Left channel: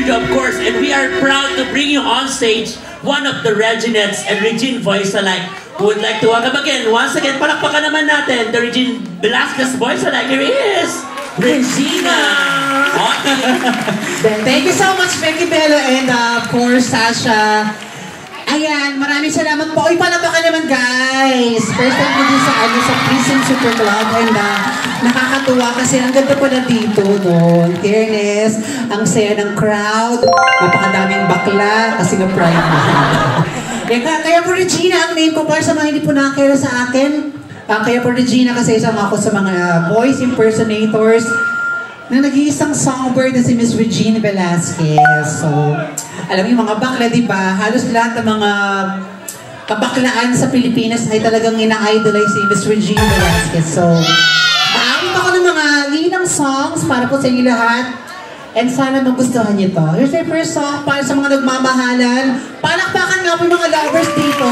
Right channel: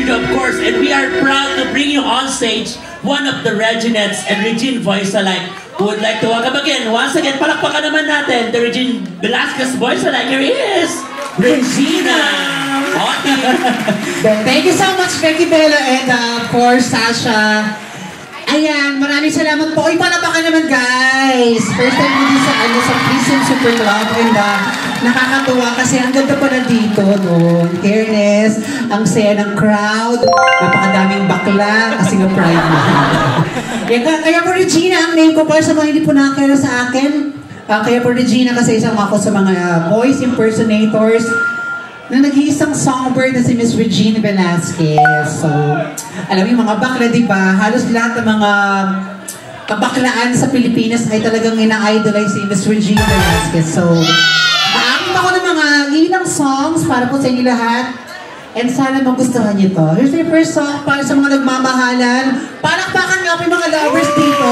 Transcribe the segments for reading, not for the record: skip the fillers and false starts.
studio, of course, and we are proud to bring you on stage one of the Reginettes and Regine Voice alike who would like to welcome again. Once again, palakpakan naman natin the Regine Velasquez Voice alike. Here is Regina! Thank you so much, Becky Bello, and of course, Sasha. Ayan, maraming salamat po. Uy, palakpakan naman, guys. First time ko din sa Prison Super Club, and nakakatuwa kasi ang ganda po na dito, no? In fairness, ang saya ng crowd, napakadaming bakla, kasi nga pride na. Kaya po Regina, ang name ko para sa mga hindi po nakakira sa akin. Kaya po Regina kasi isang ako sa mga voice impersonators na nag-iisang songbird na si Miss Regine Velasquez. So, alam mo yung mga bakla, di ba? Halos lahat ng mga kabaklaan sa Pilipinas ay talagang ina-idolize si Miss Regine Velasquez. So, aakit ako ng mga linang songs para po sa inyo lahat. And sana magustuhan niyo to. Here's my first song para sa mga nagmamahalan. Palakpakan nga po yung mga lovers dito.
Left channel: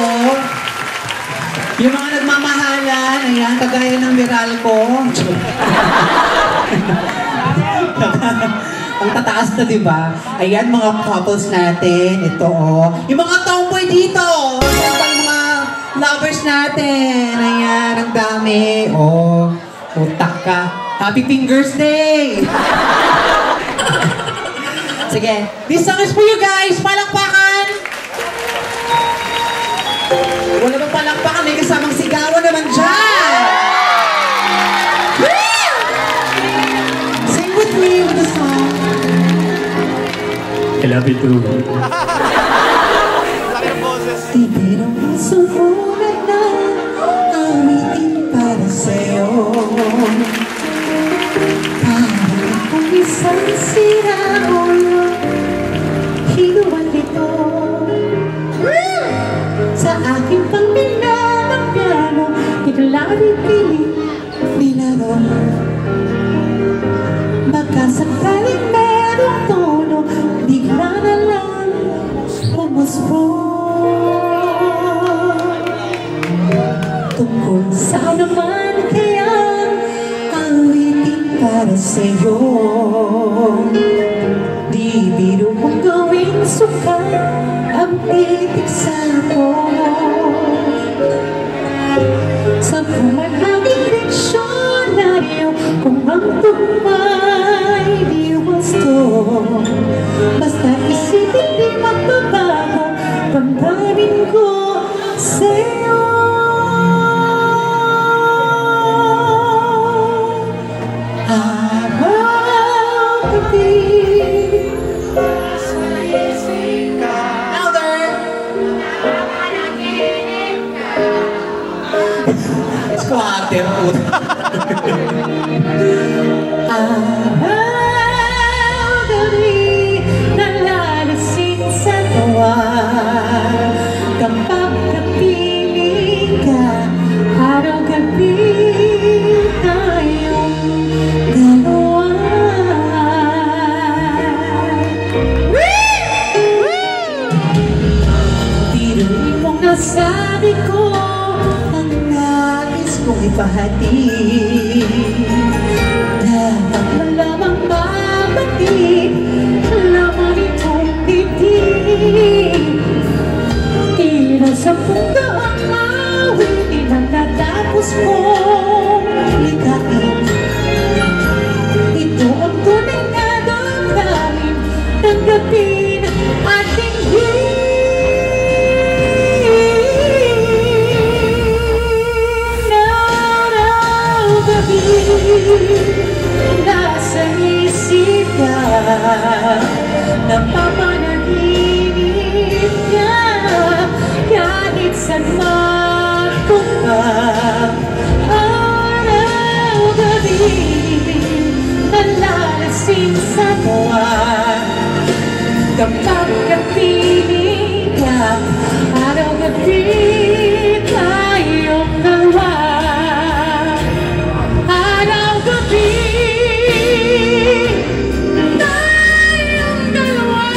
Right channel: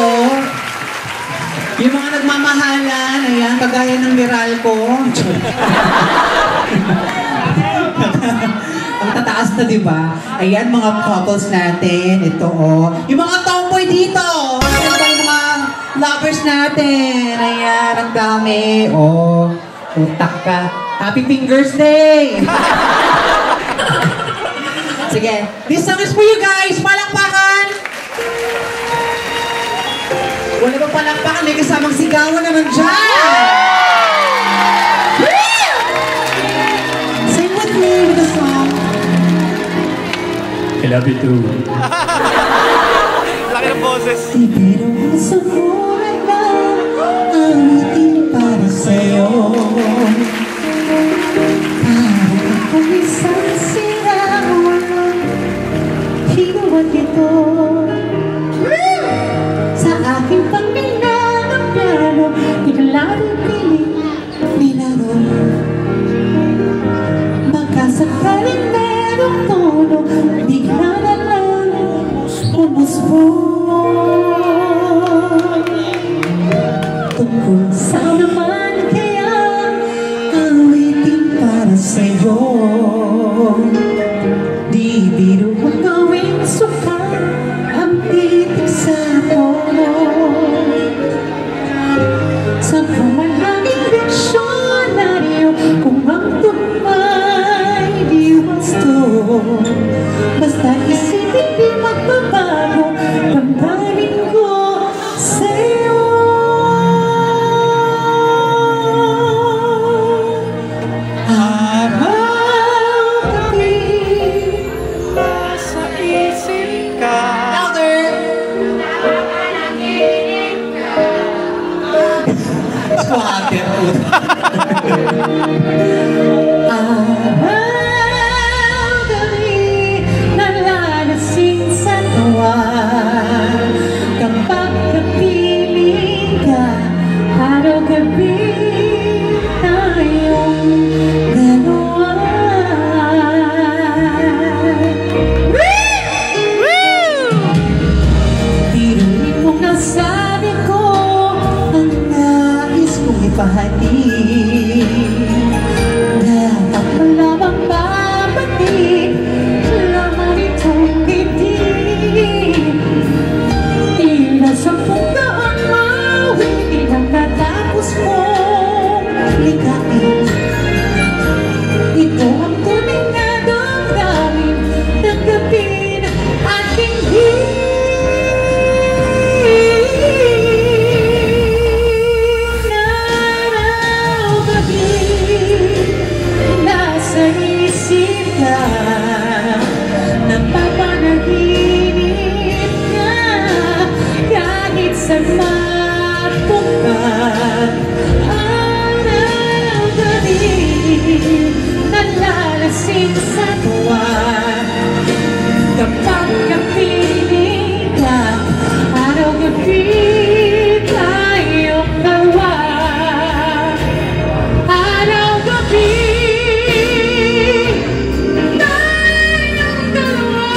Yung mga nagmamahalan, ayan, kagaya ng Meralco. Ang tataas na, di ba? Ayan, mga couples natin. Ito, oh. Yung mga tomboy dito. Yung mga lovers natin. Ayan, ang dami. Oh, utak ka. Happy Fingers Day! Sige, this song is for you guys. Palakpakan! Wala bang palakpakan? May kasamang sigawan naman dyan! Sing with me with the song. I love you too. Laki ng boses. Ibigay mo sa mula na awitin para sa'yo. Parang kung isang siraon, hinuwag ito. Sa aking pambila ng piano, ilalari piling nilaro. Magkasakaling merong tono, bigla na lang umusbong. Tungkol sa naman kaya awitin para sa'yo. Di biro mo gawing suka ang pitig sa'yo. Sa pumahaging diksyonaryo, kung ang tumay di wasto. Basta isipin di magbabago, pagdamin ko sa'yo. Araw-gabi sa isip ka. Louder! Squatter po. Araw-gabi nalalasing sa tawa. Kapag napiling ka, araw-gabi tayong dalawa. Tinuloy mo nga sabi ko ang nais kong ipahatid. Dapat mo lamang babalik laman itong dibdib. Tila sa pagkaan mawin, inagtatapos mong ligain. Ito ang tunay na damdamin, tanggapin aking araw-gabi. Nasa isip ka, napapanaginip ka, kahit saan mapunta. Araw-gabi nalalasing sa tawa. Kapag napiling ka, araw-gabi tayong dalawa. Araw-gabi tayong dalawa.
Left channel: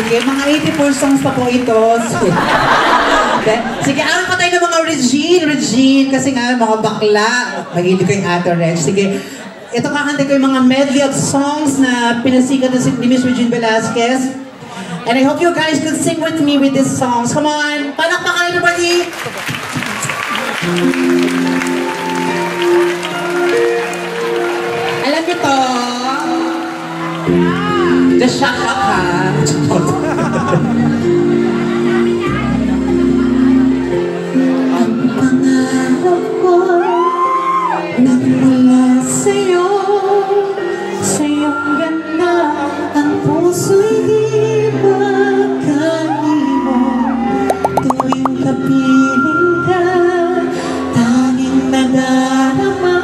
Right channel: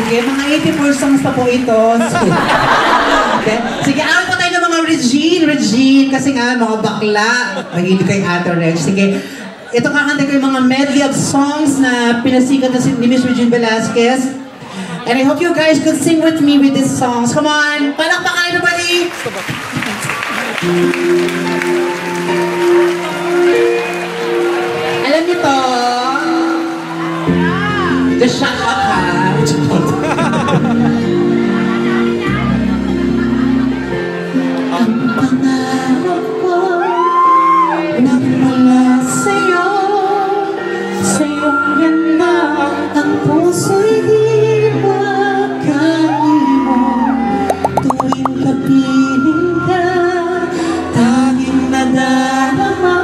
Sige, mga 84 songs pa po ito. Okay. Sige, alam pa tayo ng mga Regine, kasi nga mga bakla. Mahilig kay Ate Reg. Sige, ito kakanta ko yung mga medley of songs na pinasikat na ni Miss Regine Velasquez. And I hope you guys could sing with me with these songs. Come on! Palakpakan, everybody! Alam niyo to? Just shut up, ha? Ang pangarap ko nang wala sa'yo, sa'yong ganda, ang puso'y di magkanimo. Tuwing kapiling ka, tanging nadarama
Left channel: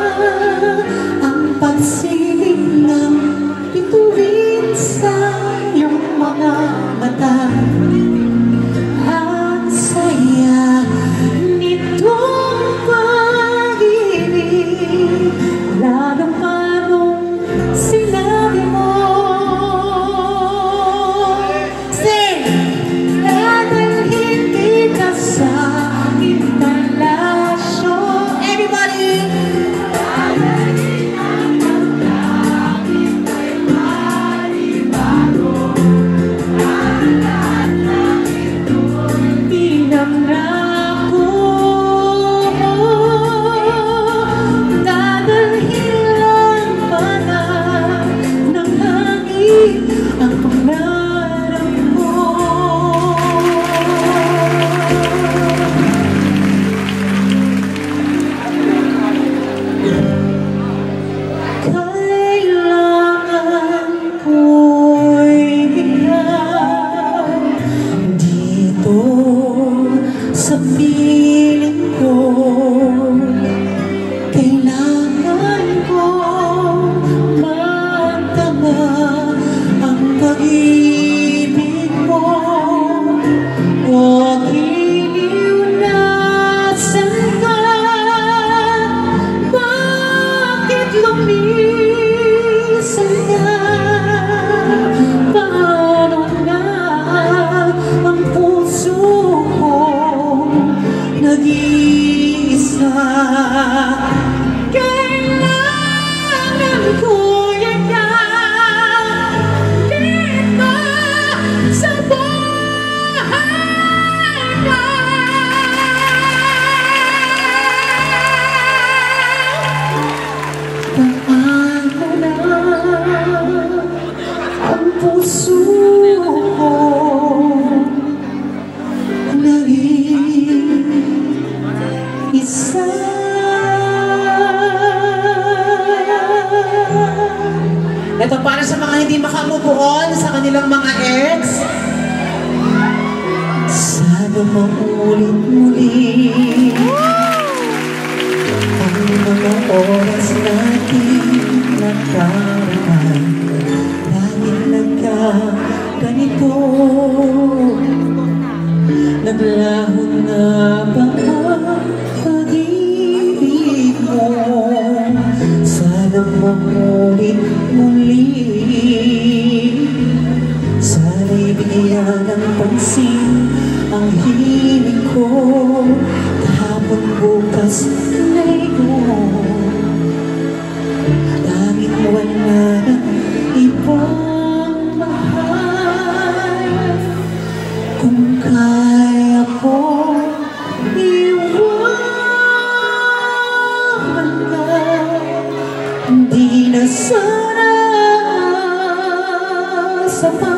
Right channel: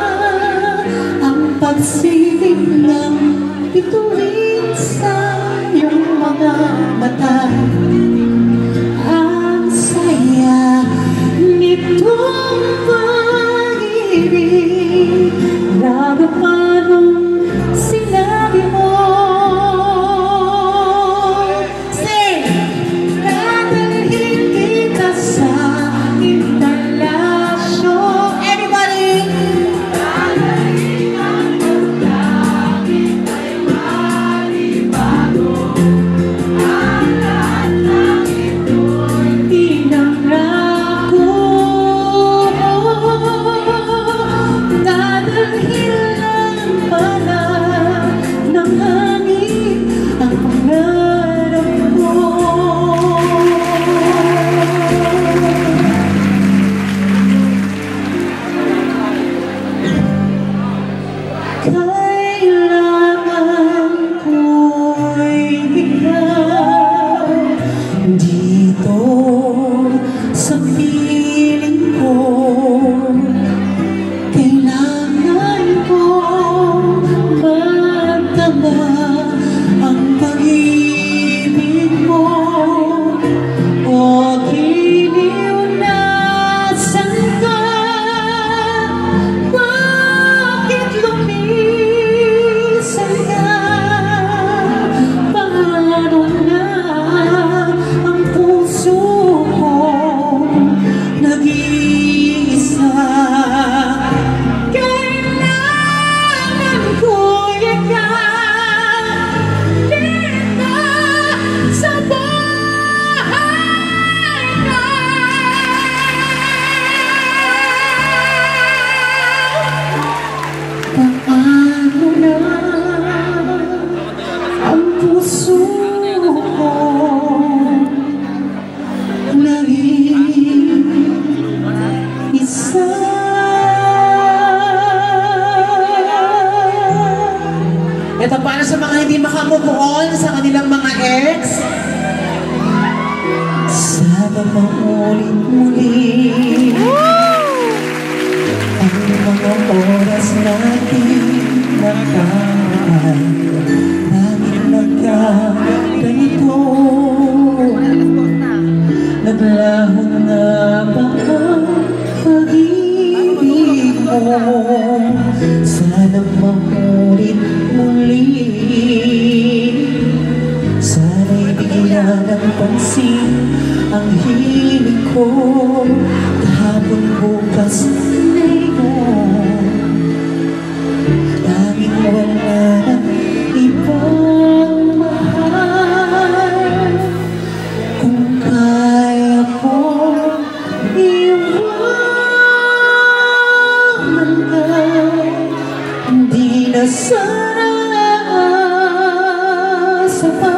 ang pagsiling ng bituin sa iyong mga mata. Ang saya nitong pag-ibig, lalo pa nung sinabi mo. Sing! Dadalhin kita sa aking palasyo. Everybody! Sa piling ko, kailangan ko magtama ang pag-ibig mo. O giliw na saan ka? Bakit lumisan ka? Paano na ang puso nag-iisa? Kailangan ko yan dito sa buhay ko. Paano na ang puso ko isa. Ito para sa mga hindi makamove on sa kanilang mga ex. Sana maulit-muli ang mga oras natin nakaraan. Dahil nagkaganito, naglaho na ba pag-ibig mo? Sana maulit muli. Sana'y bigyan ng pansin ang hiling ko. Kahapon bukas ngayon, tanging wala na ibang mahal. Kung kaya ko iwanan ka, hindi na sana sama.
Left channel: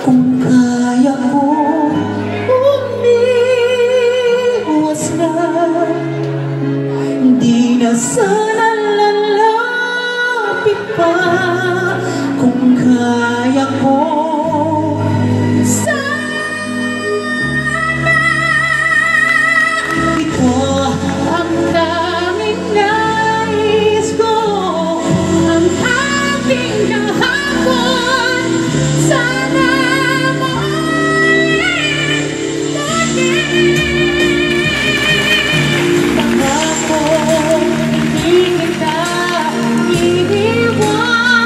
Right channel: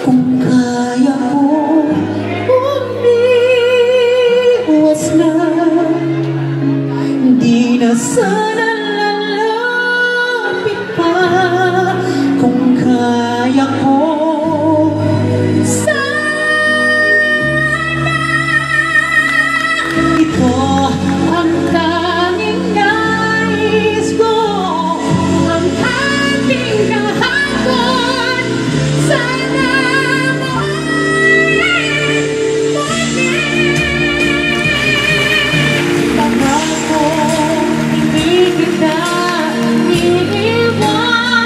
Kung kaya ko umiwas na, hindi na sana lalapit pa. Kung kaya ko ito ang tanging nais ko, ang aking kahapon. Sana pangako, hindi kita iiwan.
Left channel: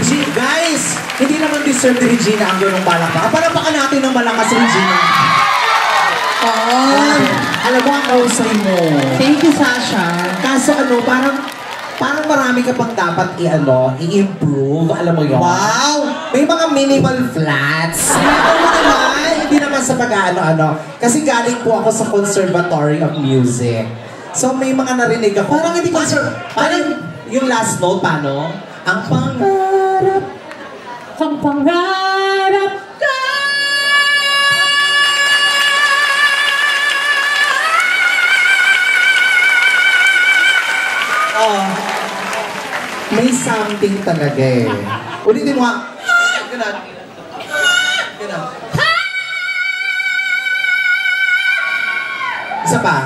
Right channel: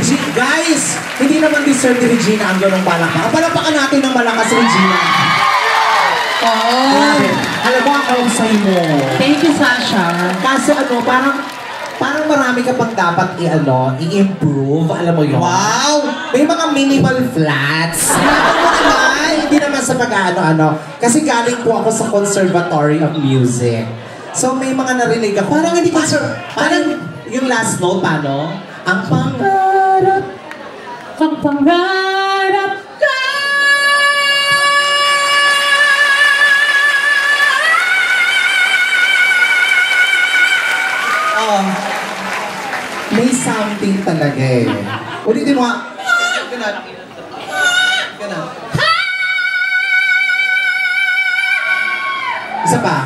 Regina, guys, hindi naman deserve ni Regina ang ganong palakpakan. Palakpakan natin ng malakas, Regina. Oh, Alam mo ang kausay mo. thank you, Sasha. Kasi parang marami ka pang dapat i-improve. Alam mo yun? Wow! May mga minimal flats. Hindi naman sa pag-ano-ano. Kasi galing po ako sa Conservatory of Music. So may mga narinig ako. Parang hindi parang yung last note, paano? Ang pangarap. Ang pangarap ka. Oh, may something talaga eh. Ulitin mo nga. Ganun. Ganun. Isa pa.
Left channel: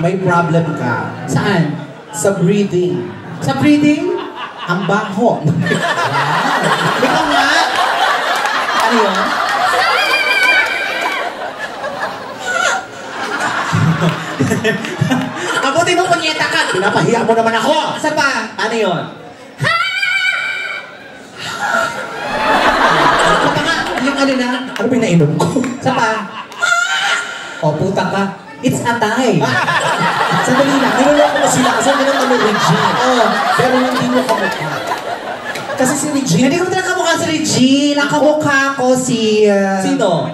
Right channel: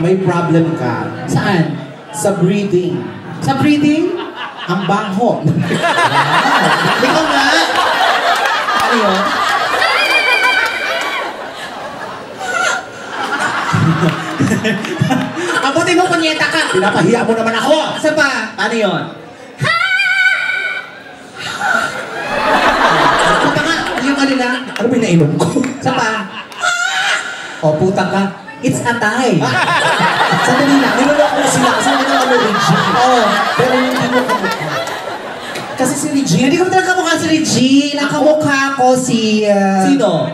May problem ka. Saan? Sa breathing. Sa breathing? Ang baho. Ikaw nga. Ano yun? Abutin mo, kunyeta ka. Pinapahiya mo naman ako. Sa pa? Ano yun? Puta ka. Yung ano lang. Ano ba yung nainom ko? Sa pa? O, puta ka. It's a tie. Sandali lang. Niloloko ko sila kasi hindi naman Regine. Oo. Pero hindi mo kamukha. Kasi si Regine. Hindi ko talaga kamukha si Regine. Ang kamukha ko si... Sino?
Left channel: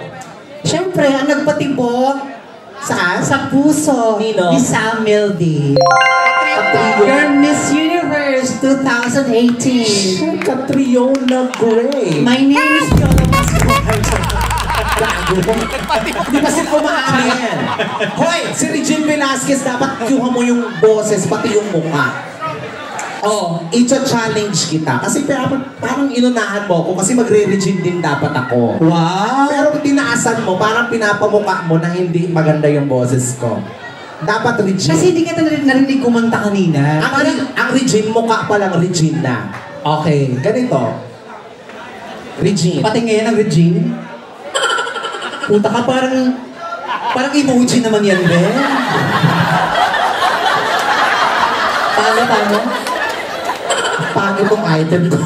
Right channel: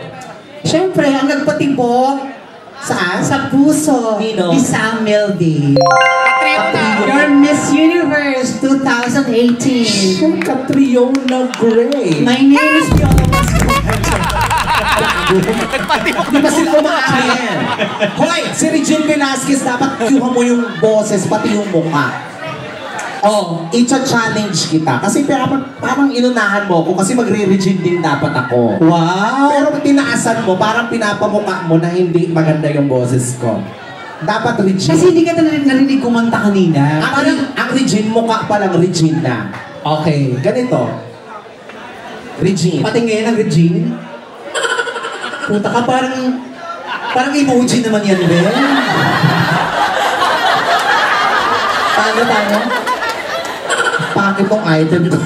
Siyempre, ang nagpatibok Saan? sa puso Nino? ni Sam Milby. Your Miss Universe 2018. Siya Catriona Gray. My name is Fiona. Di ba sila umaamin? Hoy, si Regine Velasquez, dapat kuha mo yung boses, pati yung mukha. Oh, i-challenge kita. Kasi parang inunahan mo ako kasi magre-Regine din dapat ako. Wow! Pero tinaasan mo, parang pinapamukha mo na hindi maganda yung boses ko. Dapat Regine. Kasi hindi ka narinig kumanta kanina. Ang Regine, mukha pa lang Regine na. Okay, ganito. Regine. Pati ngayon ang Regine. Punta ka parang emoji naman yan din. Paano? Pangit tong item ko.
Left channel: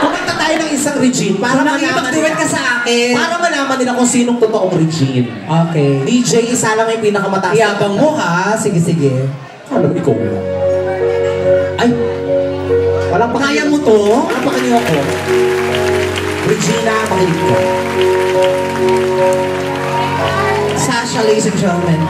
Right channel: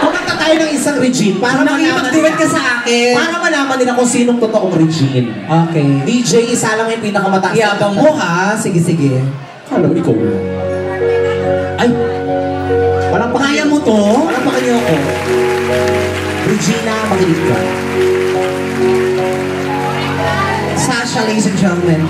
Kumanta tayo ng isang Regine para Nakipag-duet ka sa akin. Para malaman nila kung sinong totoong Regine. Okay. DJ, isa lang yung pinakamataas. Iyabang mo ha. Sige. Alam mo, ikaw. Ay! Walang Kaya mo to? Walang pakanyo ako. Regina, makinig ka. Sasha, ladies and gentlemen.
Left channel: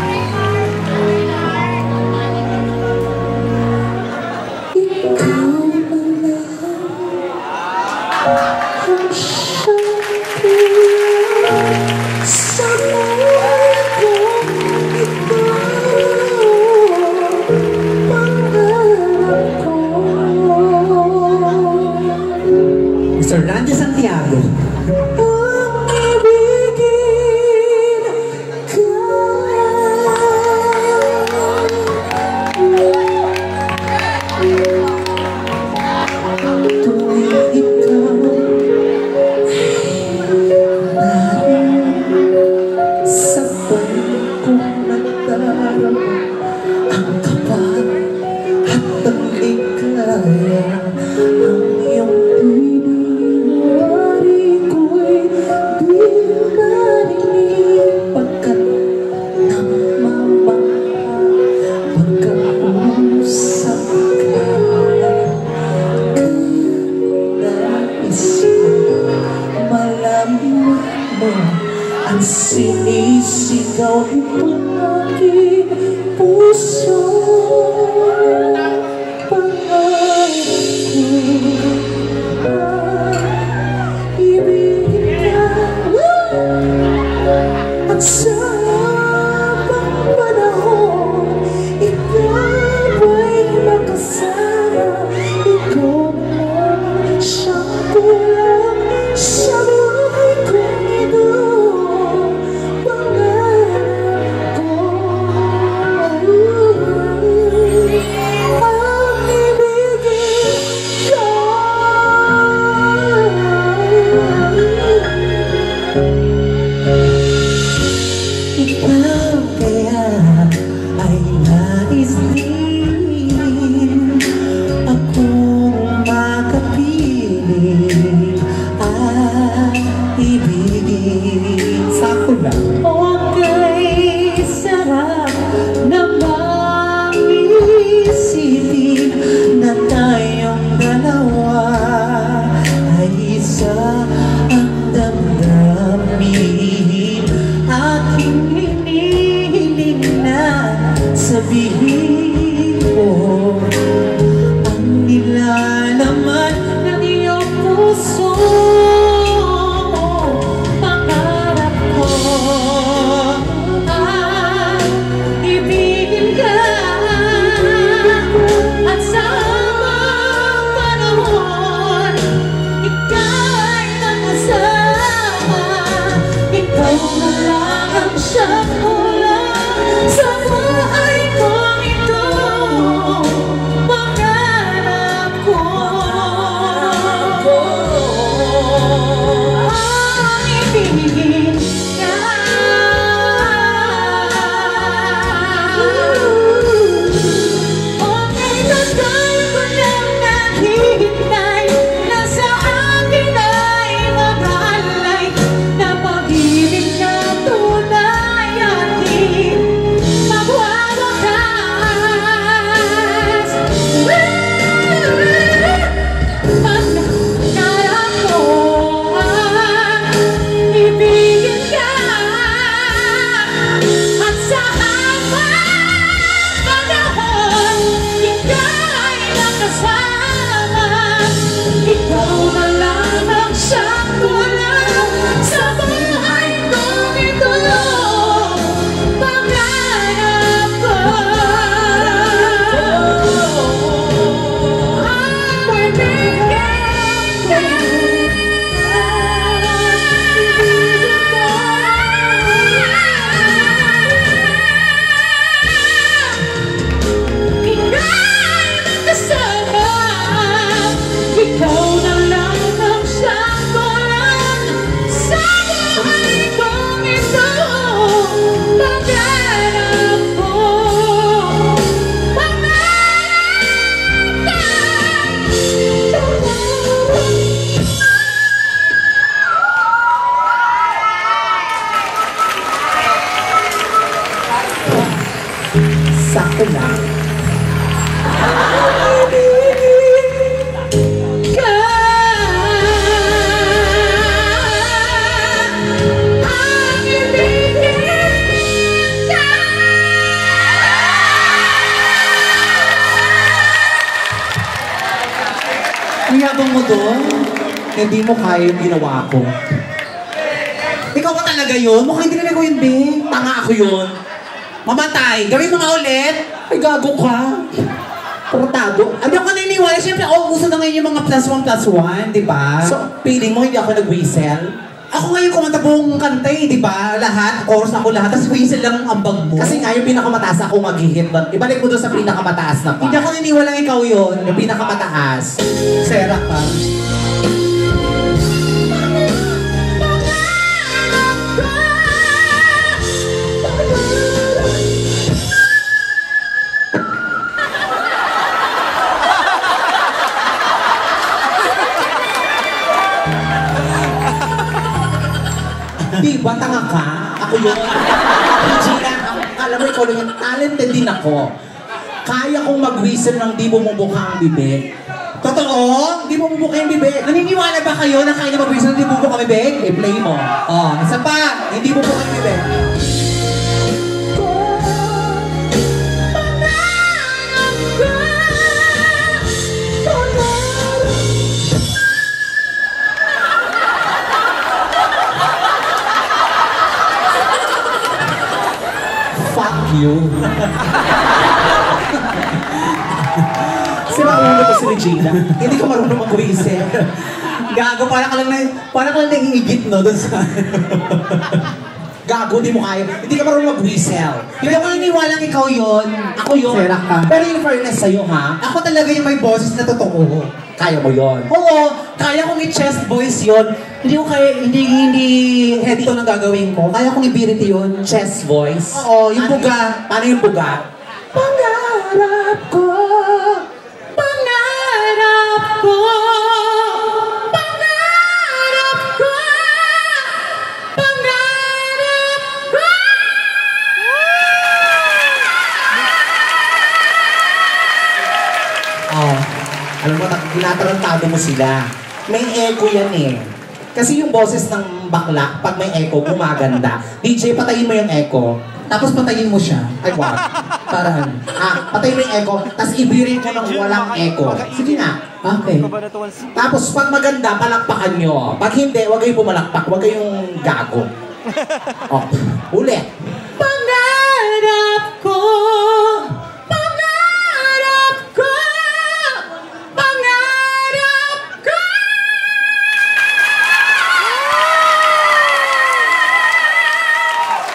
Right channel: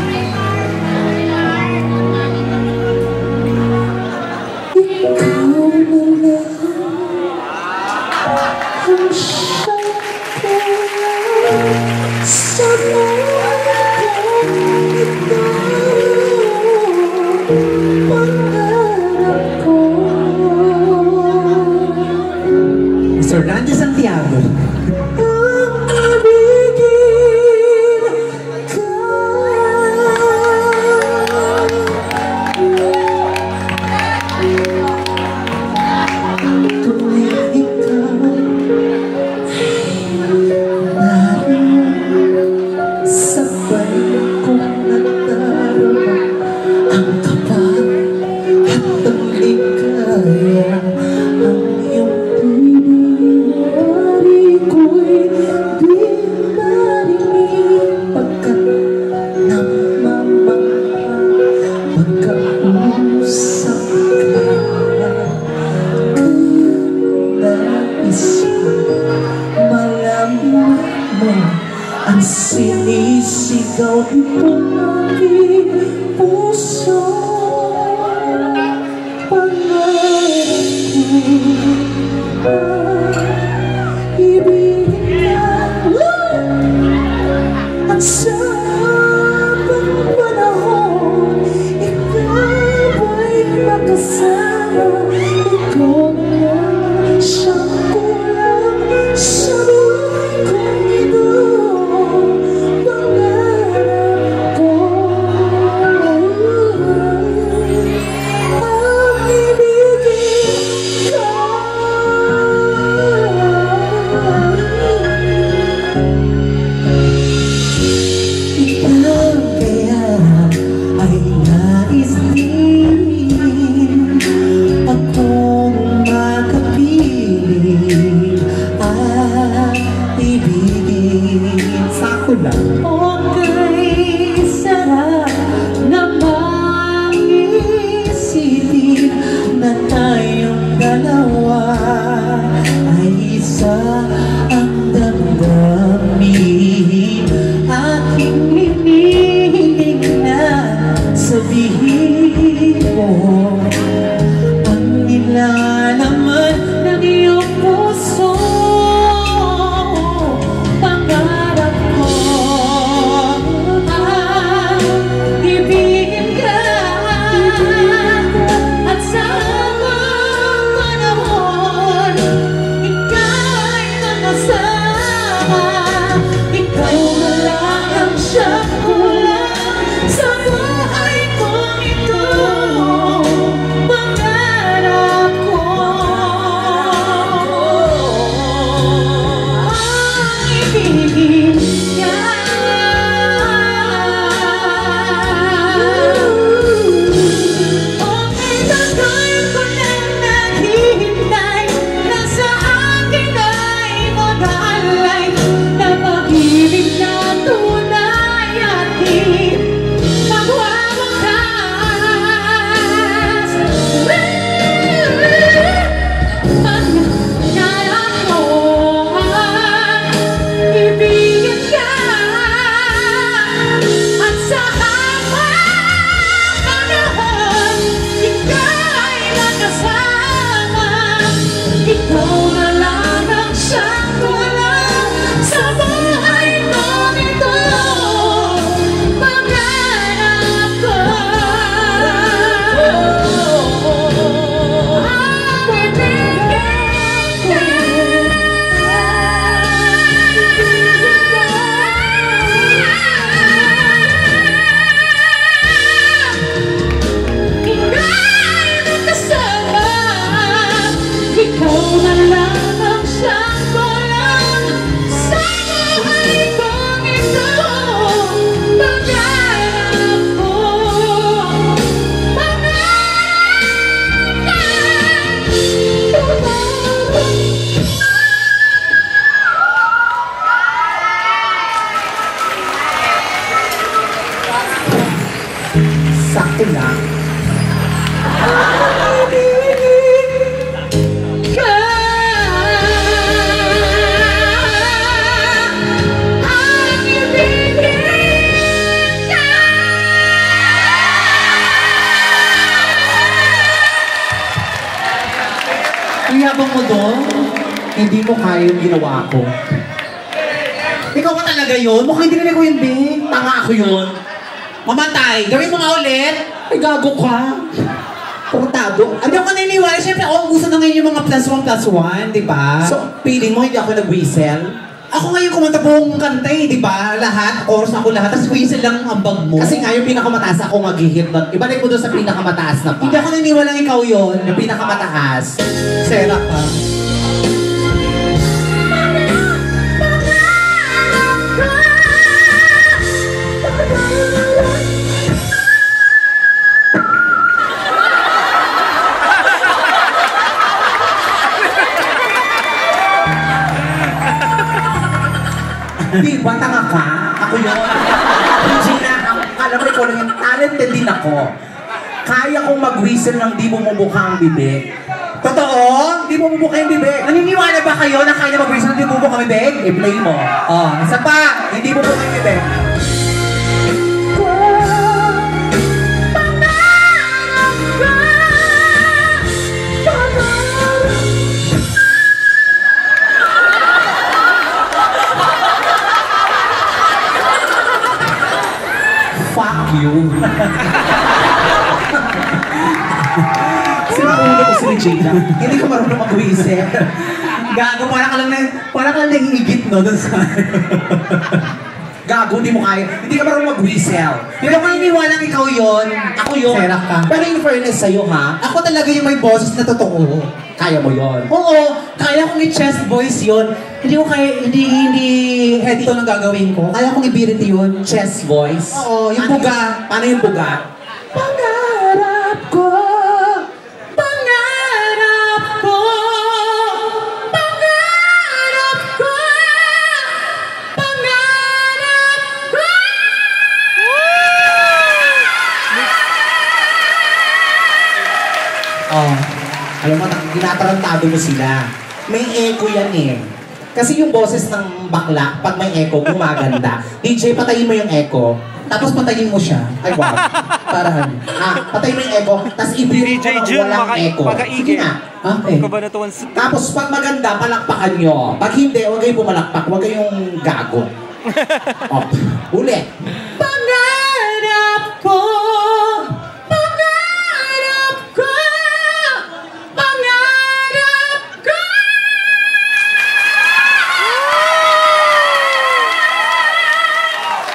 Mr. Randy Santiago. Ang sinisigaw ng aking puso. Pangarap ko ibigay at sa habang panahon ikaw ay makasama. Ikaw na siyang kulang sa buhay kong ito. ikaw na lang ang siyang kulang sa buhay kong ito. Pangarap ko, ang ibigin ko. Ikaw na lang ang siyang kulang sa buhay kong ito. Pangarap ko, pangarap Sakto lang. Iyabang mo doon, hindi mo kaya yung ginawa ko. Ikaw ka talaga yun? Mukhang hindi nila ko yun, Bing. Tanga ako yun. Mamatay. Gawin mo nga ulit. Ay, gago ka. Tratado. Hindi ako naniniwala. Siyempre, gusto na ngayon yung mga +1+1, di ba? So, feeling mo hindi ako nag-whistle? Ako ngayon kumanta buong kanta eh, di ba? Lahat, chorus ako lahat, tapos whistle lang ang bag mo. Kasi nga yung pinakamataas ako mag-hit doon. Ibalik mo doon sa pinakamataas na pa. Hindi ako naniniwala ikaw yun. Yung pinakamataas. Sera ka. Di ba tanga ka? Ako yun. Regina, alam mo ikaw lang yung talented din ako. Kaya kong mag-whistle ng di mo mabukha ang bibig. Totoo? Di mo mabukha yung bibig. Naniniwala ba kayo na kaya mag-whistle di bubo kami, Beg? I-play mo. Oh, isa pa. Hindi mo mabukha yung bibig. Fuck you. Sinauna ko si Regina. Hindi ka marunong mag-whistle. Gago, para ka lang naiigit, no? Doon sa... Gago, hindi mo kaya. Hindi ka marunong mag-whistle. Pero kung naniniwala ikaw yun, Ako yun. Sera ka. Pero in fairness sa'yo, ha? Ako talaga yung may boses na totoo. Kaya mo yon. Oo, kaya kong i-chest voice yun. Hindi ko kaya, hindi head to lang gagawin ko. Kaya kong i-birity yun. Chest voice. Oo, yung buga. Paano yung buga? Pangarap ko, pangarap ko, pangarap ko, pangarap ko. Oh, alam mo, tinatarantado mo sila. May echo yan eh. Kasi yung boses ng bakla, pag may echo, gumaganda. DJ, patayin mo yung echo. Tapos patayin mo siya. Ay, wag. Para Patayin mo yung echo, tapos ibirin ko ng walang echo. Sige na. okay. Tapos pag maganda, palakpakan nyo. Pag hindi, huwag kayong pumalakpak. Huwag kayong gago. Oh, ulit. Pangarap ko, pangarap ko, pangarap ko.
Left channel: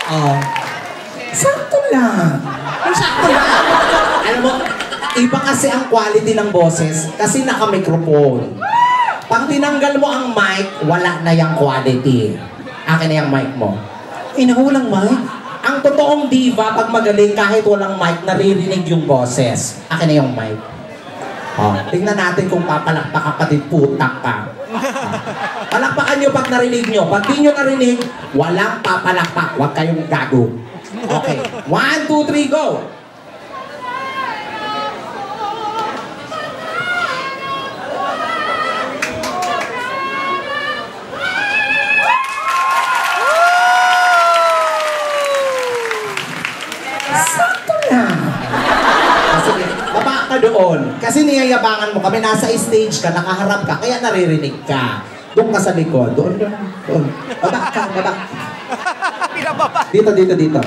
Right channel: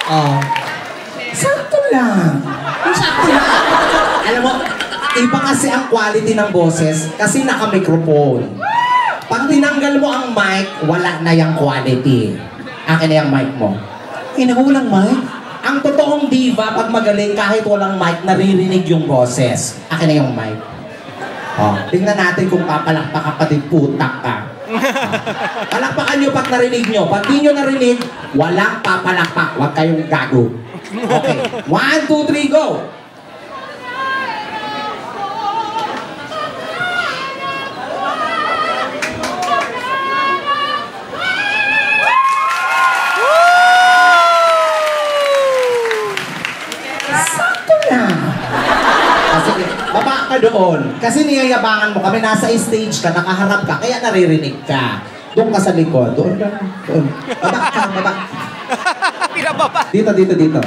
Oh. Sakto lang. Sakto lang. Alam mo, iba kasi ang quality ng boses kasi naka-microphone. Pag tinanggal mo ang mic, wala na yung quality. Akin na yung mic mo. Inakulang mic. Ang totoong diva, pag magaling kahit walang mic, naririnig yung boses. Akin na yung mic. Oh, tingnan natin kung papalakpak ka pati putak ka. Palakpakan nyo pag narinig nyo. Pag di nyo narinig, walang papalakpak. Huwag kayong gago. Okay. 1, 2, 3, go! Sakto na. Kasi, baba ka doon. Kasi Kasi niyayabangan mo kami, nasa stage ka, nakaharap ka, kaya naririnig ka. Doon ka sa likod. Doon ka. Doon. Baba ka, baba. Dito, dito, dito.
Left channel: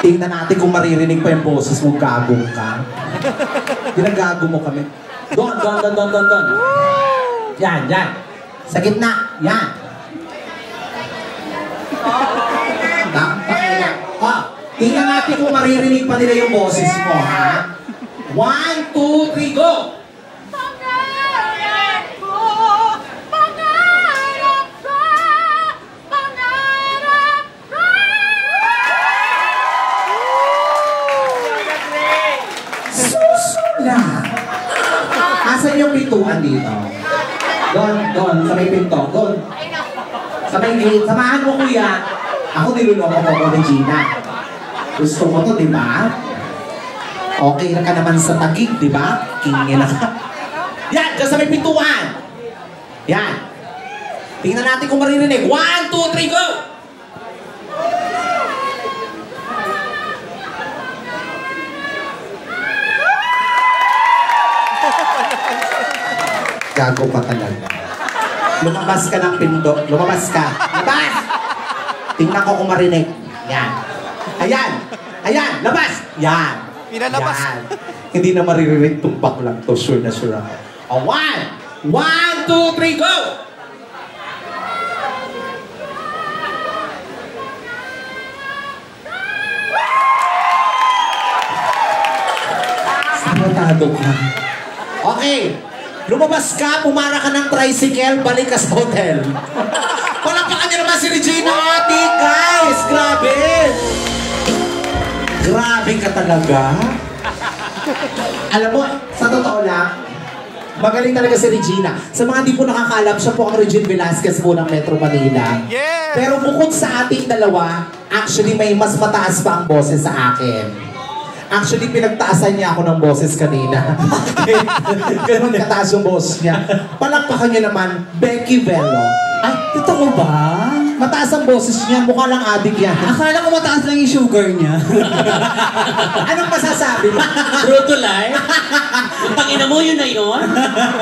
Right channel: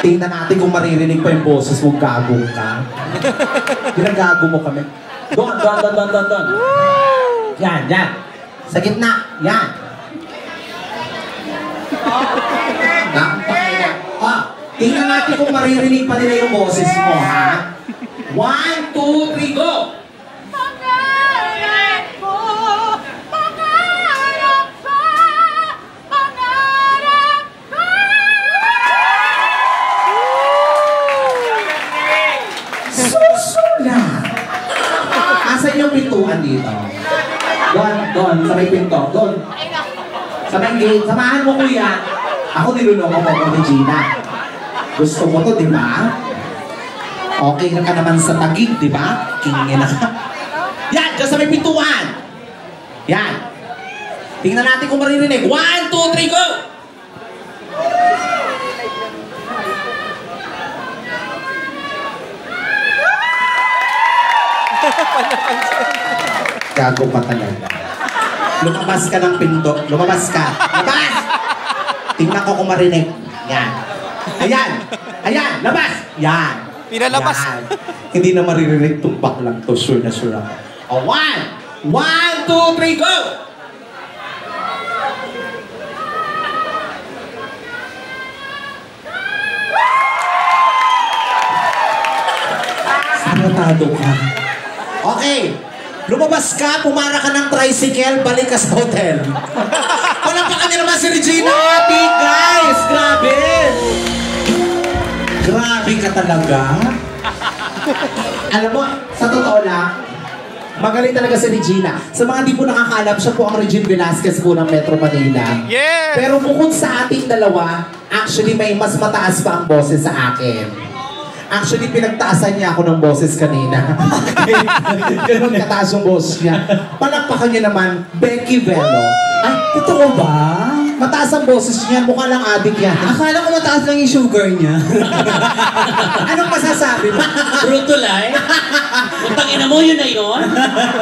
Tingnan natin kung maririnig pa yung boses mo, gagong ka. Ginagago mo kami. Doon, doon, doon, doon, doon, doon. Yan, yan. Sa gitna, yan. Tingnan natin kung maririnig pa nila yung boses mo, ha? 1, 2, 3, go! Pangarap ko, pangarap ko, pangarap ko. Susulat! Asan yung pintuan dito? Doon, doon, sa may pinto, doon. Sa may gate, samahan mo kuya. Ako niluloko mo ko ni Gina. Gusto mo to, di ba? Okay na ka naman sa tagig, di ba? Kingin na ka. Yan, ka sa may pintuan. Yan. Tingnan natin kung maririnig. 1, 2, 3, go! Gago pa talaga. Lumabas ka ng pinto. Lumabas ka. Labas! Tingnan ko kung marinig. Yan. Ayan! Ayan! Labas! Yan! Pinalabas. Yan. Hindi na maririnig. Tumpak lang to. Sure na sure ako. O, 1, 2, 3, go! Sabotado ka. Okay. Lumabas ka, pumara ka ng tricycle, balik ka sa hotel. Palapakan niyo naman si Regina Ati, guys! Grabe! Grabe ka talaga. Alam mo, sa totoo lang, magaling talaga si Regina. Sa mga hindi po nakakalam, siya po ang Regine Velasquez po ng Metro Manila. Yes! Pero bukod sa ating dalawa, actually may mas mataas pa ang boses sa akin. Actually, pinagtaasan niya ako ng boses kanina. Ganun kataas yung boses niya. Palakpakan niya naman, Becky Velo. Ay, totoo ba? Mataas ang boses niya, mukha lang adik yan. Akala ko mataas lang yung sugar niya. Anong masasabi mo? Brutal life. Utang ina mo, yun na yun.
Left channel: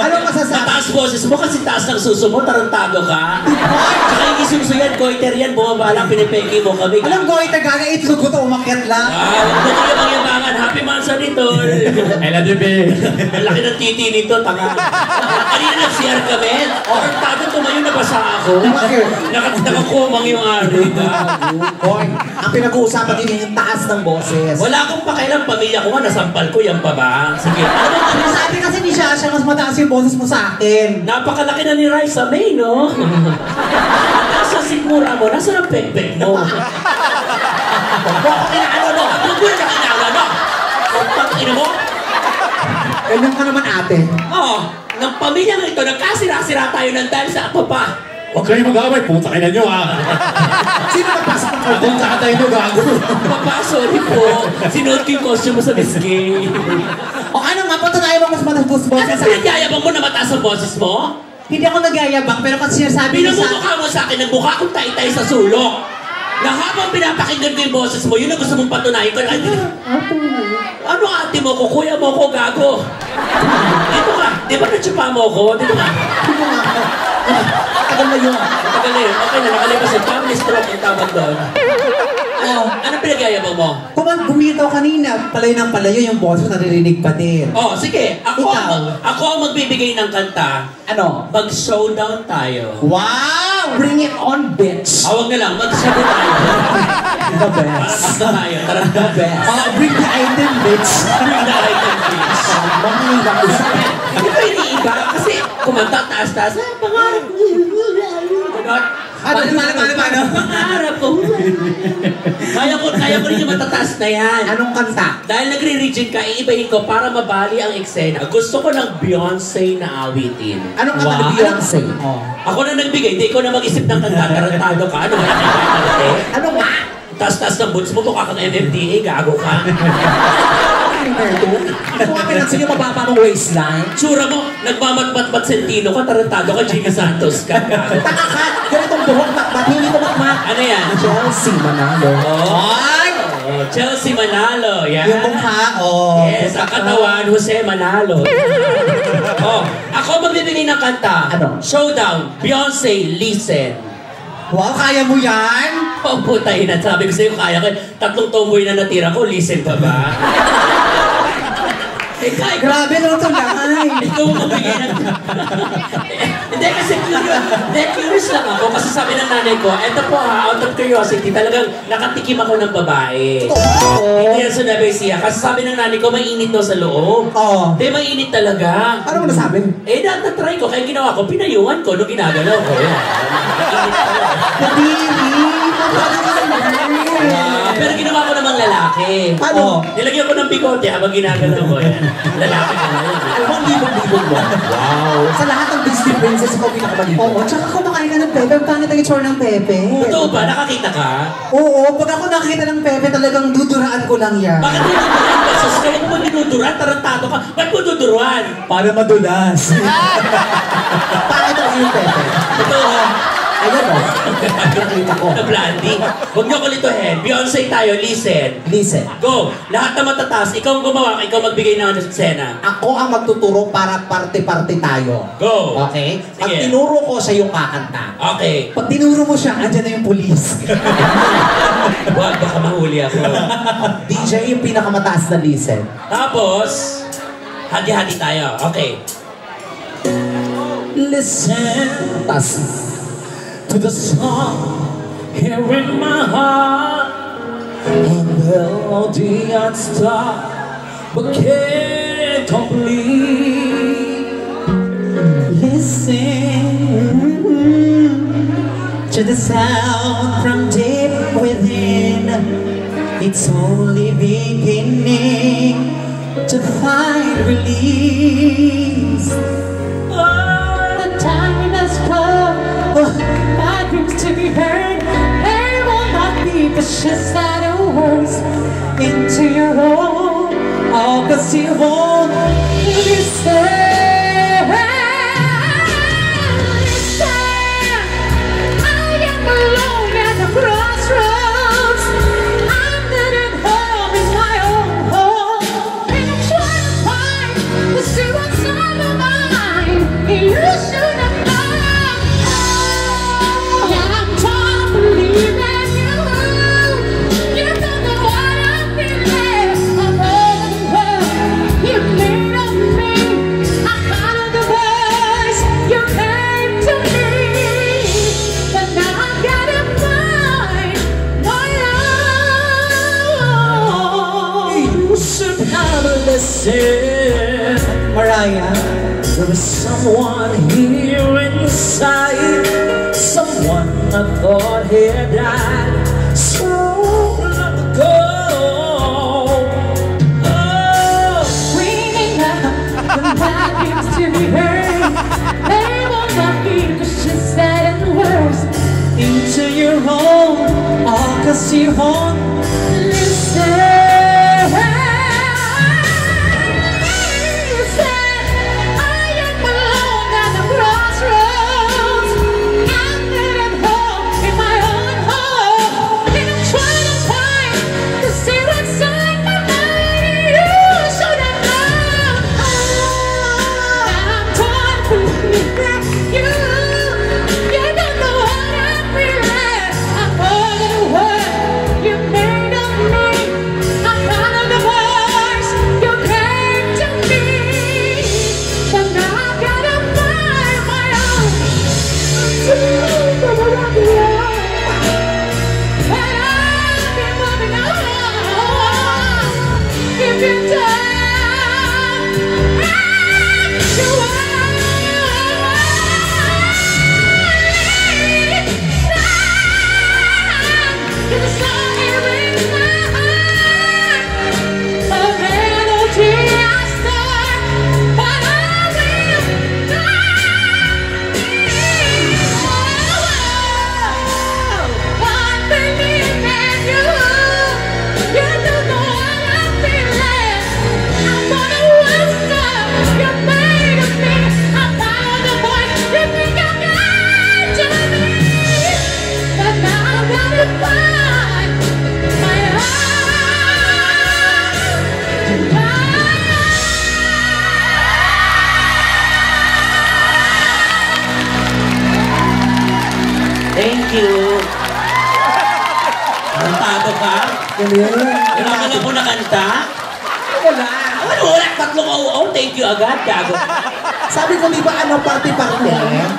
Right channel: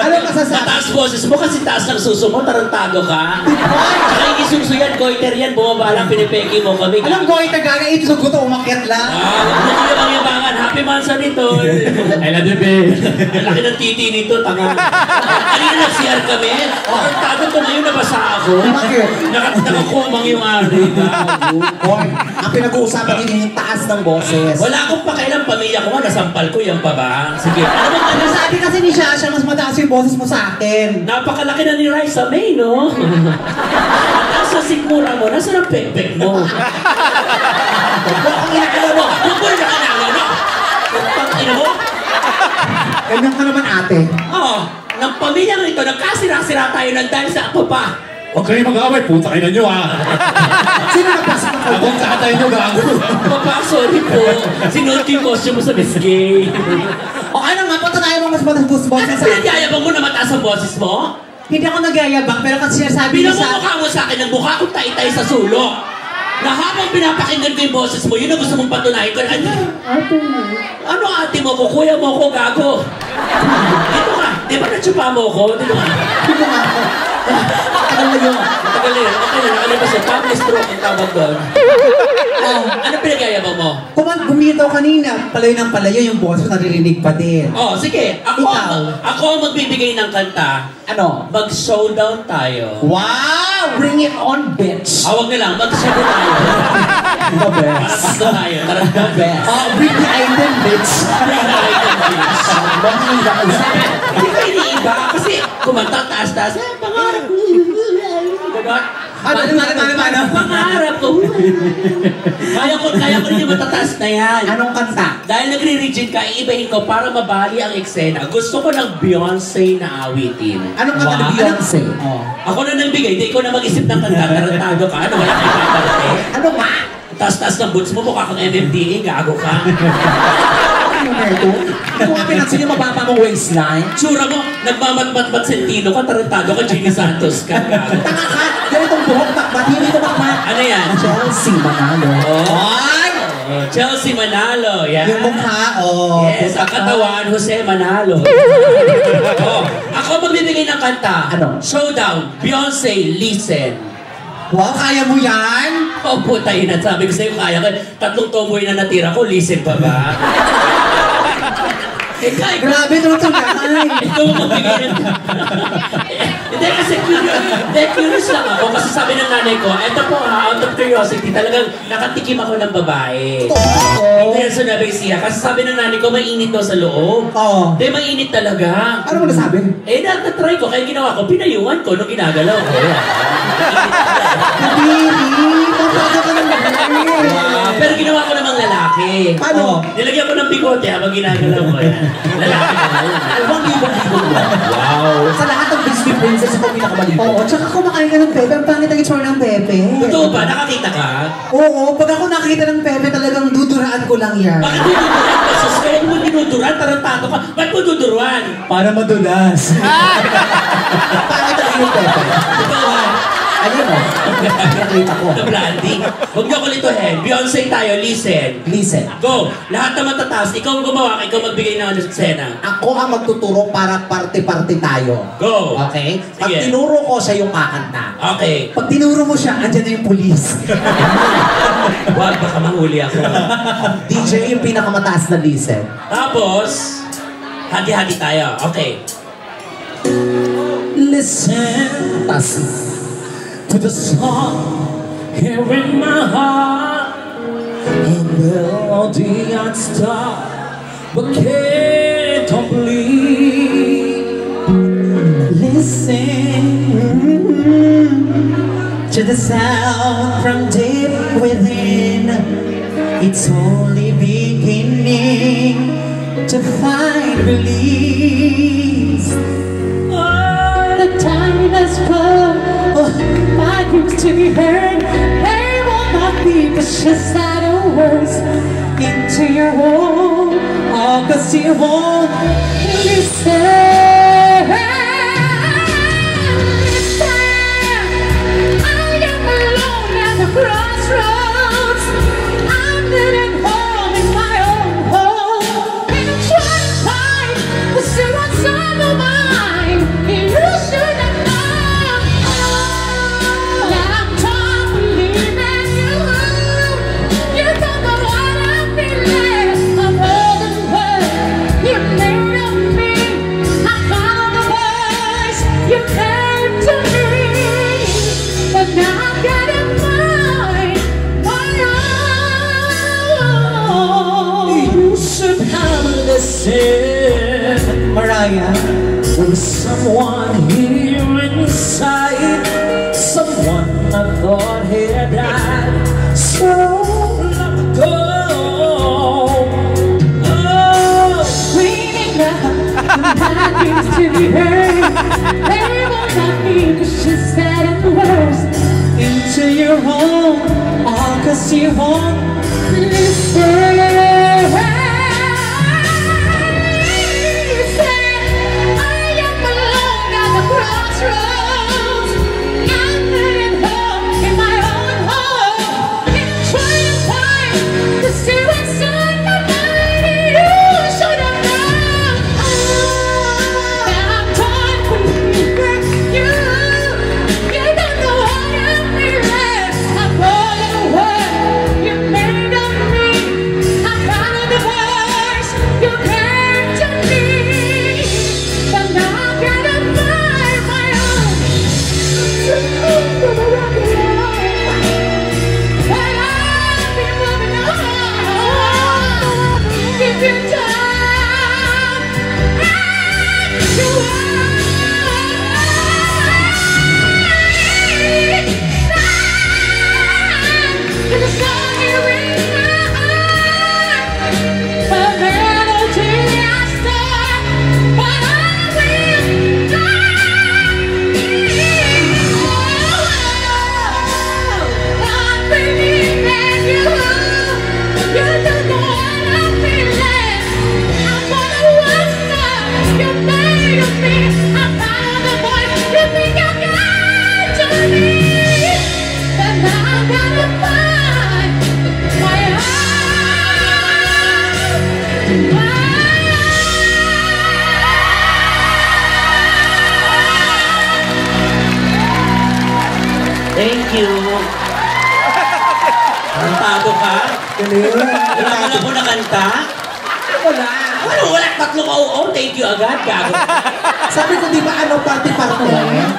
Anong masasabi? Mataas boses mo kasi taas ng suso mo, tarantado ka. Saka hindi suso yan, goiter yan, bumaba lang, pinipeki mo kami. Anong goiter gaga? Itsugo to, umakyat lang. Hindi lang yung bangan. Happy Manzanito. I love you, babe. Ang laki ng titi nito, tanga. Kanina nag-CR kami. Tarantado ko ngayon, nabasa ako. Nakakumang yung ari. Hoy, ang pinag-uusapan din yung taas ng boses. Wala akong pakialam, pamilya ko nga, nasampal ko yung baba. Sige. Sabi kasi ni Shasha, mas mataas yung boses mo sa akin. Napakalaki na ni Raisa May, no? Nasa sigmura mo, nasa ng pekpek mo. Bakit ano mo? Yung boy na kinala mo? Bakit mo? Ganyan ka naman ate. Oo, ng pamilyang ito, nagkasira-sira tayo ng dahil sa ako pa. Huwag kayo mag-away, puta kayo na nyo ah. Sino napasok ng Abong tatay nyo, gago. Papa, sorry po. Sinuot ko yung costume mo sa bisgay. O ano nga, patunayan mo mas mataas boses Ano sa akin. pinagyayabang mo na mataas ang boses mo? Hindi ako nagyayabang, pero kasi sinasabi niya sa... Pinamumukha mo sa akin ng mukha kong tay-tay sa sulok. Na habang pinapakinggan ko yung boses mo, yun ang gusto mong patunayan ko. Ano ate mo ko? Kuya mo ko, gago. Dito nga. Di ba natsupa mo ko? Dito nga. Dito nga ako. Tagal na yun. Tagal eh. Okay na, nakalabas yung family stroke ang tawag doon. Oh, ano pinagyayabang mo? Kung gumitaw kanina, palayo ng palayo, yung boses naririnig pa din. Oh, sige. Ako ang magbibigay ng kanta. Ano? Mag-showdown tayo. Wow! Bring it on, bitch! Awag na lang, mag-showdown tayo. The best. Para basta tayo. Tara, The best. Bring the item, bitch. Bring the item, bitch. Bring the item. Hindi ko iniiba kasi kumanta taas-taas. Pangarap ko. Diba? Mano? Pangarap ko. Kaya ko rin yung matataas na yan. Anong kanta? Dahil nagre-rigid ka, iibahin ko para mabali ang eksena. Gusto ko ng Beyonce na awitin. Anong kanta ni Beyonce? Oh. Ako na nagbigay, hindi ko na mag-isip ng kanta. Tarantado ka. Ano ba? Ano ba? Taas-taas ng boots mo, mukha kang MMDA, gago ka. Hindi ko nga pinansin yung mababa mong waistline. Tsura mo, nagmamatmat-mat sentino ka, tarantado ka, Gina Santos ka. Gago. Taka ka! Ganitong buhok, makbat, hindi ko makmat. Ano yan? Chelsea Manalo. Oh. Ay! Chelsea Manalo. Yan. Yung mukha, Yes, ang katawan, Jose Manalo. Ako magbibigay ng kanta. Ano? Showdown, Beyonce, Listen. Wow, kaya mo yan? Puta yun, sabi ko sa'yo, kaya ko. 3 tomboy na natira ko, listen pa ba? Kaya Grabe nung tulakay. ito ang magbigay ng... Hindi kasi curious lang ako kasi sabi ng nanay ko, eto po out of curiosity, talagang nakatikim ako ng babae. Ito yan sinabi siya. Kasi sabi ng nanay ko, mainit daw sa loob. Oo. Hindi, mainit talaga. Ano mo nasabi? Na-try ko, kaya ginawa ko, pinayungan ko nung ginagalaw ko. Pero ginawa ko namang lalaki. Paano? Nilagyan ko ng bigote habang ginagalaw ko. Lalaki na lang. Ibang libong-libong mo. Wow. Sa lahat ng Disney princess, ako pinakamalibong. Oo, tsaka kumakain ka ng pepe. Ang pangit ang itsura ng pepe. Totoo ba? Nakakita ka? Oo, pag ako nakita ng pepe, talagang duduraan ko lang yan. Bakit dinuduran ka? Sus, kaya mo dinuduran? Tarantado ka. Ba't mo duduruan? Para madulas. Paano tayo yung pepe? Ito ha. Ayun o. Nakita ko. The Blondie. Huwag niyo kulituhin. Beyonce tayo, listen. Listen. Go! Lahat naman tataas. Ikaw ang gumawa, ikaw magbigay ng eksena. Ako ang magtuturo para parte-parte tayo. Go! Okay? Pag Sige. tinuro ko, siya yung kakanta. Okay. Pag tinuro mo siya, andyan na yung pulis. Huwag, baka mahuli ako. DJ yung pinakamataas na listen. Tapos, hati-hati tayo. Okay. Listen Tas, to the song here in my heart. A melody I'd stop, but can't complete. Listen to the sound from deep within. It's only beginning to find release. Oh, the time has come for my groups to be heard. There will not be precious words into your home. Oh, 'cause you won't listen. Mariah, there is someone here inside, someone I thought had died so long ago. Oh, Ringing out the vacuums to be heard. There will not be wishes that and words into your home. All 'cause you won't listen. You made you. Kantado ka? Wala ka na po na kanta? Wala. Ano, wala. Tatlong thank you agad. Gago. Sabi ko, di ba party lang?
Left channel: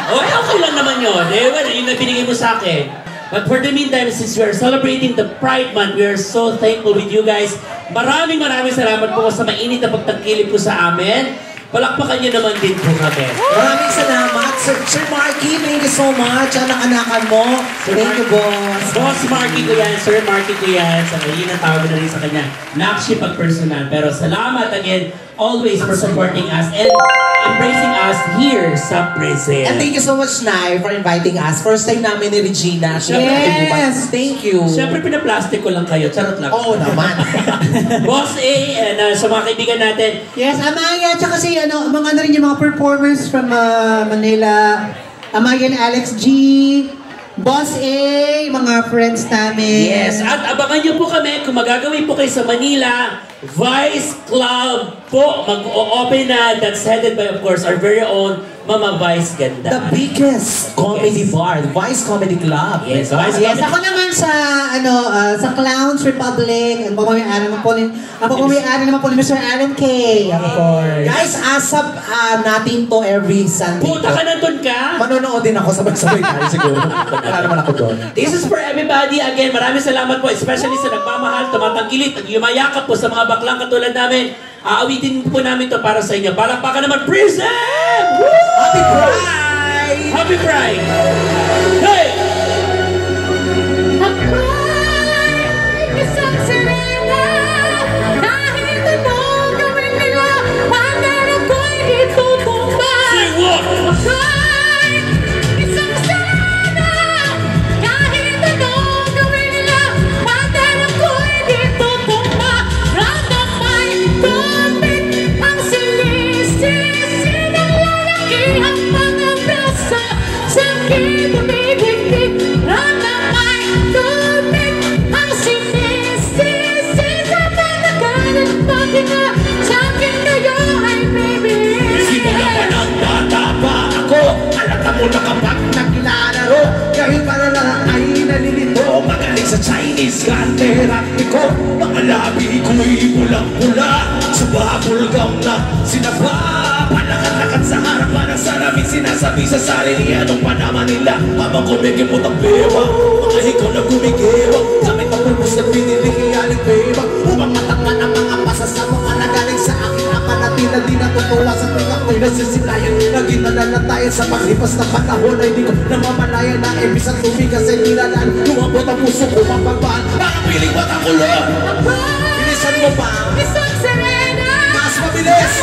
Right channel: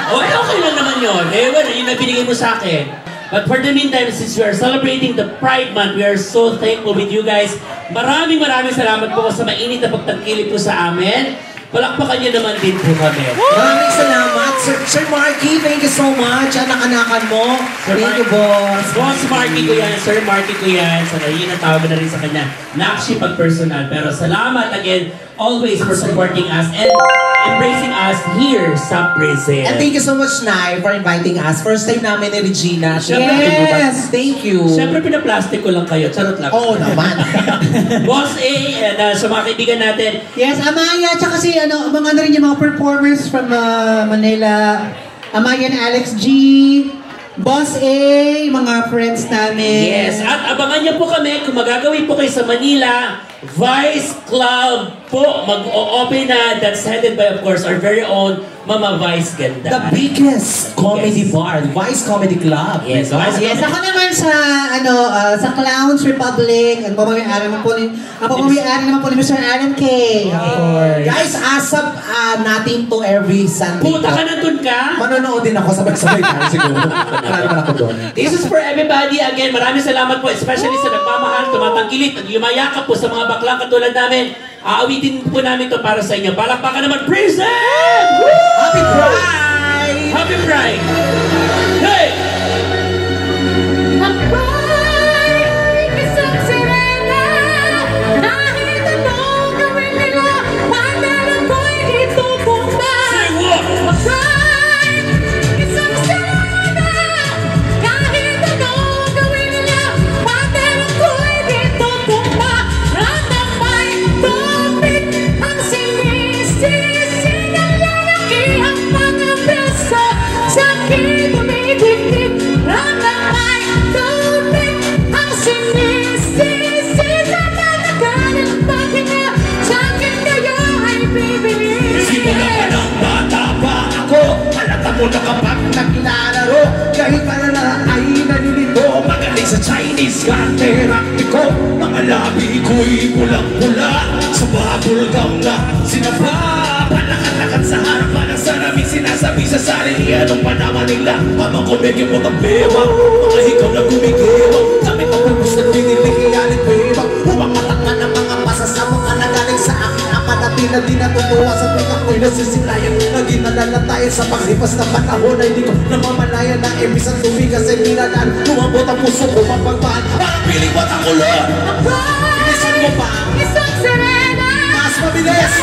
Okay lang naman yun. Well, yun na binigay mo sa akin. But for the meantime, since we are celebrating the Pride Month, we are so thankful with you guys. Maraming salamat po sa mainit na pagtangkilik po sa amin. Palakpakan niyo naman din po kami. Maraming salamat, Sir Marky. Thank you so much. Anak-anakan mo. Thank you, boss. Boss Marky ko yan, Sir Marky ko yan. Sa yun ang tawag na rin sa kanya. Nakshi pag personal. Pero salamat again, always for supporting us and embracing us here sa prison. And thank you so much, Nay, for inviting us. First time namin ni Regina. Yes! Thank you. Siyempre, pinaplastic ko lang kayo. Charot lang. Oo naman. Boss A, and sa mga kaibigan natin, Yes, Amaya, tsaka si mga rin yung mga performers from Manila. Amaya and Alex G, Boss A, mga friends namin. yes, at abangan niyo po kami kung magagawin po kayo sa Manila, Vice Club po, mag-open na, that's headed by, of course, our very own Mama Vice Ganda. The biggest comedy bar, Vice Comedy Club. Yes, Vice Yes, Comedy. ako naman sa Clowns Republic. Ako pamamayan naman po ni Mr. Adam K. Of course. Guys, asap natin to every Sunday. Puta ka nandun ka? Manonood din ako sabay-sabay tayo siguro. Wala naman ako doon. This is for everybody. Again, maraming salamat po, especially sa nagmamahal, tumatangkilit, at yumayakap po sa mga baklang katulad namin. Aawitin po namin to para sa inyo. Palakpakan naman, Prison! Happy Pride! Happy Pride! Hey! Sing what? Simula pa ng bata pa ako, alata mo na kapag naglalaro, kahit para lang ay nalilito. Magaling sa Chinese karate ko, mga labi ko'y pulang-pula, sa bubble gum na sinapa. Panakat-lakat sa harapan ng sarami, sinasabi sa sarili, anong pa naman nila, habang kumigil mo tablema, mga ikaw na gumigewang, kami pagpapos na pinilikiyalit beba, upang matakpan ang mga pasas na mga nagaling sa akin. Na di natutuwa sa tuwing ako'y nasisilayan. Naging nalala tayo sa paglipas na panahon na hindi ko namamalaya na ibig sa tumigas ay nilalaan. Lumabot ang puso ko mapagpaan, parang piling ba't ang ulo? Inisan mo pa? Mas mabilis! Mas mabilis!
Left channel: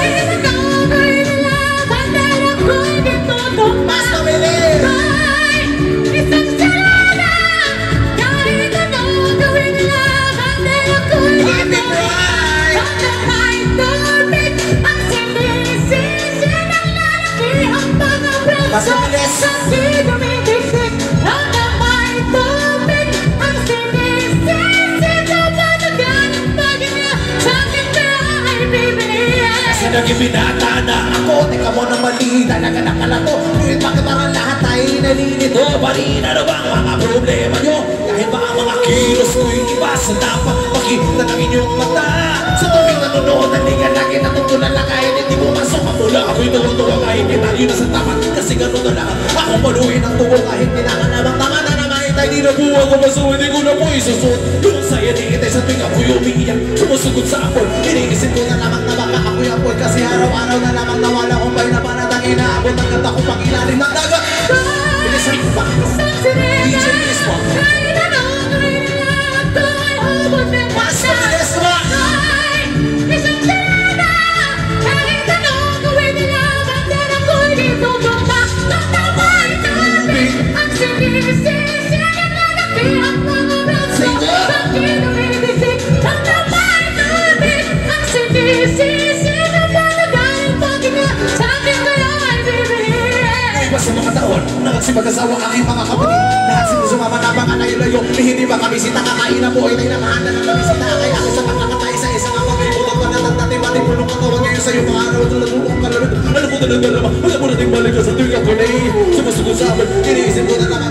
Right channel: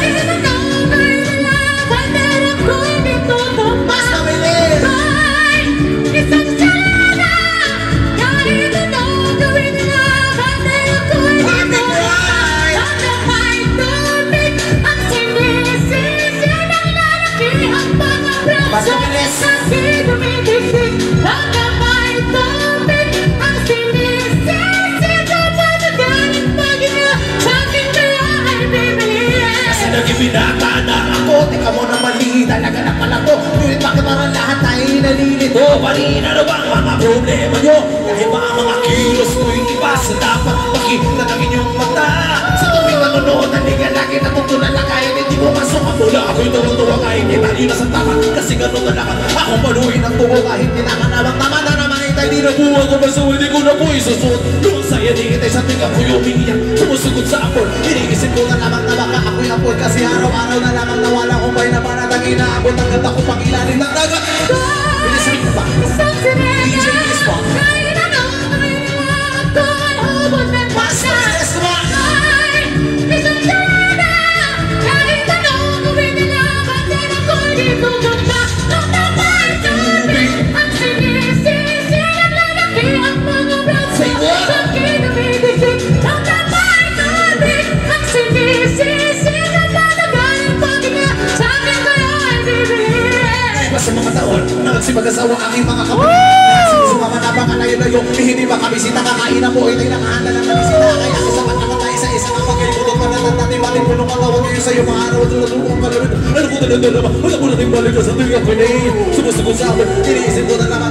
Naging binata na ako, teka mo na mali, talaga na pala to. Ngunit bakit parang lahat ay nalilito? Parin, ano ba ang mga problema nyo? Kahit ba ang mga kilos ko'y iba sa dapat makita ng inyong mata. Sa tuwing nanonood, halika lagi natutunan lang kahit hindi mo masok ang mula. Ako'y tumutuwa kahit kita yun sa tapat, kasi gano'n na lahat. Ako paluin ang tuwa kahit ninakanabang tama na naman itay di nabuha ko maso, hindi ko na po isusot. Lumang saya di itay sa tuwing ako'y umiiyak, sumusugod sa apol. Inigisip ko na lamang na baka ako'y apol, kasi araw-araw na lamang nawala kong bay na panatang inaabot ang ganda ko pang ilalim ng dagat. Bilisan ko ba? DJ Mismo. Mas mabilis ko ba? Sa mga taon, nagsipag-asawa aking mga kapatid. Lahat sinisumama na mga layo-layo, hindi ba kami kakain na po, itay nakahanda ng kamisita. Kaya ako sa pagkakatay sa isang apag-ibutot pa na tatati-mati po nung katawag ngayon sa'yo mga araw at lalunong kalunod. Ano ko talaga naman, wala mo nating balik ka sa tuwing ako'y naiinip. Sumusugod sa amin, iniisip ko na naman